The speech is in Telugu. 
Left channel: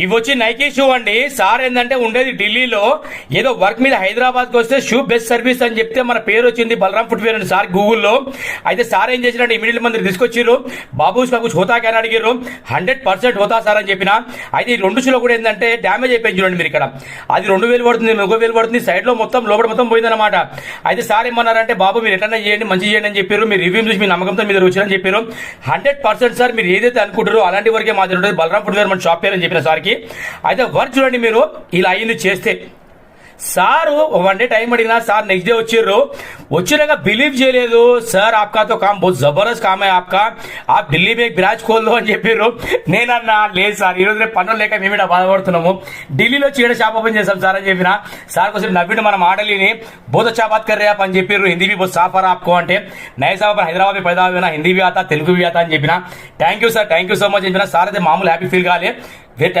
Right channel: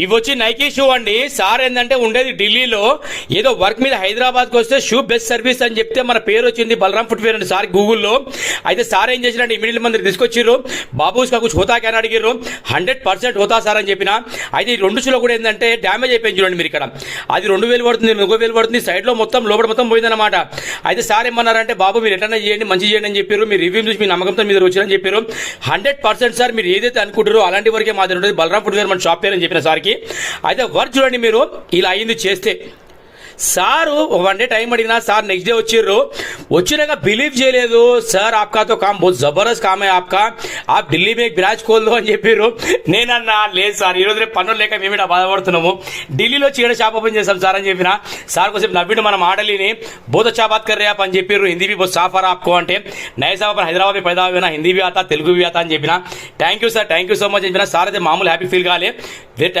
ఇవి వచ్చి నైకీ షూ అండి. సార్ ఏంటంటే ఉండేది ఢిల్లీలో, ఏదో వర్క్ మీద హైదరాబాద్ కి వస్తే షూ బెస్ట్ సర్వీస్ అని చెప్తే మన పేరు వచ్చింది బలరాం ఫుట్వేర్ అండి సార్ గూగుల్లో. అయితే సార్ ఏం చేసినట్టు ఇమీడియట్ మంది తీసుకొచ్చారు. బాబు కుछ హోతా క్యాన్ అడిగారు. 100% హోతా సార్ అని చెప్పిన. అయితే ఈ రెండు షూలో కూడా ఏంటంటే డ్యామేజ్ అయిపోయింది చూడండి మీరు ఇక్కడ. అది 2000 పడుతుంది, 1000 పడుతుంది, సైడ్ లో మొత్తం లోపల మొత్తం పోయిందన్నమాట. అయితే సార్ ఏమన్నారంటే బాబు మీరు ఎట్లా చేయండి, మంచి చేయండి అని చెప్పారు. మీరు రివ్యూ చూసి మీ నమ్మకంతో మీరు వచ్చారని చెప్పారు. 100% సార్ మీరు ఏదైతే అనుకుంటారో అలాంటి వరకే మాది ఉంటుంది బలరాం ఫుట్వేర్ మన షాప్ పేరు అని చెప్పిన సార్కి. అయితే వర్క్ చూడండి మీరు ఇలా అయింది చేస్తే. సారు 1 డే టైం అడిగినా సార్ నెక్స్ట్ డే వచ్చినాక బిలీవ్ చేయలేదు. సార్ ఆప్కా తో కామ్ బహుత్ జబర్దస్త్ కామ్ హై ఆప్కా, ఆప్ ఢిల్లీ మే బ్రాంచ్ ఖోల్ దో అని చెప్పారు. నేనన్నా లేదు సార్ ఈ రోజు రేపు పనులు లేక మేము ఇక్కడ బాధపడుతున్నాము, ఢిల్లీలో చీడ షాప్ ఓపెన్ చేసాం సార్ అని చెప్పిన. సార్ కోసం నవ్విండు మన మాటలిని. బహుత్ అచ్చా బాత్ కర్ రే ఆప్ అని చెప్పారు. హిందీ भी बहुत साफ आ रहा आपको అంటే నై సాబ్ హైదరాబాద్ में पैदा हुए ना, हिंदी भी आता తెలుగు भी आता అని చెప్పిన. Thank you sir, thank you so much చెప్పిన. సార్ అయితే మామూలు హ్యాపీ ఫీల్ కాలే.